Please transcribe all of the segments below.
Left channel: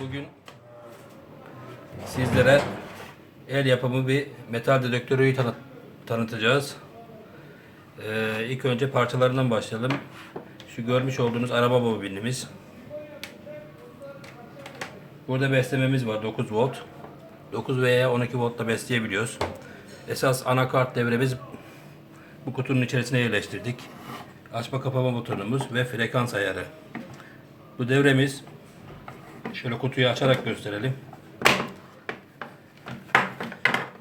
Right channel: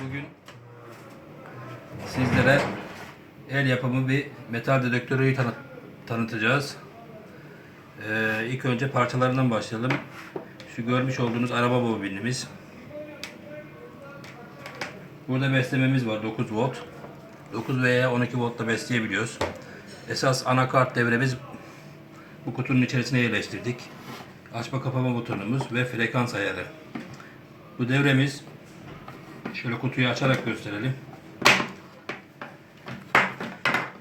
Bugün sizlere el yapımı bir metal dedektörü tanı- tanıtacağız. Ee, ilk önce parçalarından başlayalım. Şu görmüş olduğunuz araba bobinimiz. Burada beslememiz var 9 volt. 9 veya 12 voltla besleyebiliyoruz. Esas anakart devremiz bu kutunun içerisine yerleştirdik. Açma kapama butonumuz ve frekans ayarı. Bu devremiz şöyle kutuyu açarak gösterelim.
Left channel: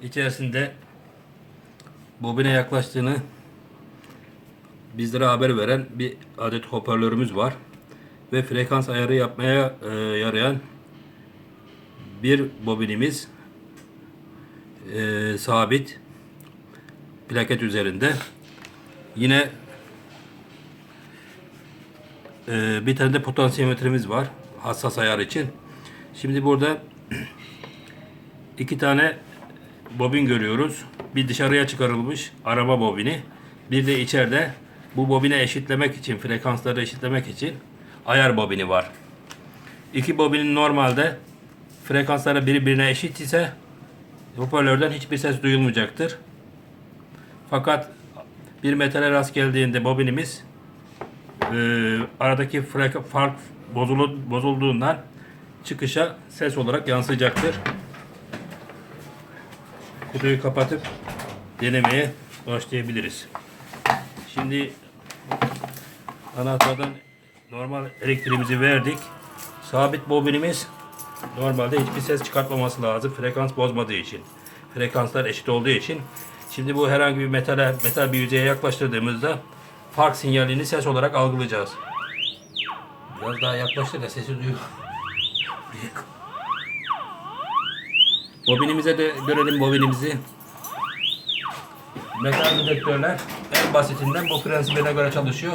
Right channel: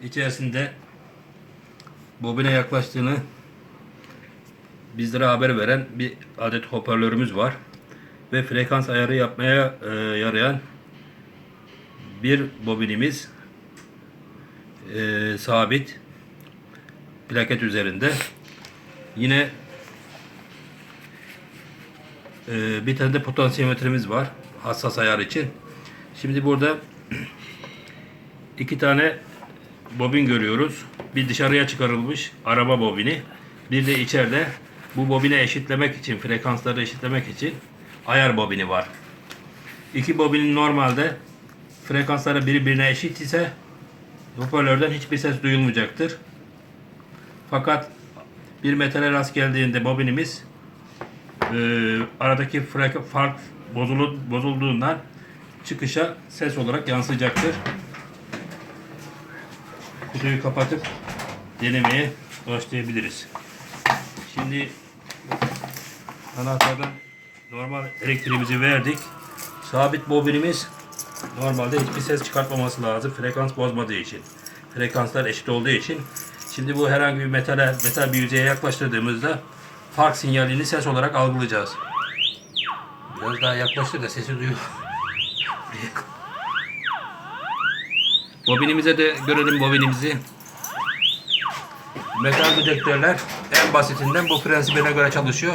İçerisinde bobine yaklaştığını bizlere haber veren bir adet hoparlörümüz var. Ve frekans ayarı yapmaya e, yarayan bir bobinimiz e, sabit plaket üzerinde. Yine e, bir tane de potansiyometremiz var hassas ayar için. Şimdi burada iki tane bobin görüyoruz. Bir dışarıya çıkarılmış araba bobini. Bir de içeride bu bobine eşitlemek için, frekansları eşitlemek için ayar bobini var. İki bobinin normalde frekansları birbirine eşit ise hoparlörden hiçbir ses duyulmayacaktır. Fakat bir metale rast geldiğinde bobinimiz e, aradaki fark bozulu, bozulduğundan çıkışa ses olarak yansıyacaktır. Kutuyu kapatıp denemeye başlayabiliriz. Şimdi anahtardan normal elektriğimizi verdik. Sabit bobinimiz normalde hiçbir ses çıkartmaması lazım. Frekans bozmadığı için. Frekanslar eşit olduğu için. Şimdi bu herhangi bir metale, metal bir yüzeye yaklaştırdığımızda fark sinyalini ses olarak algılayacağız. Biraz daha yaklaştır da sesi duyuyor. Bobinimize de görelim bobinimizi. Metal dedektörler en basitinden bu prensibine göre çalışıyor.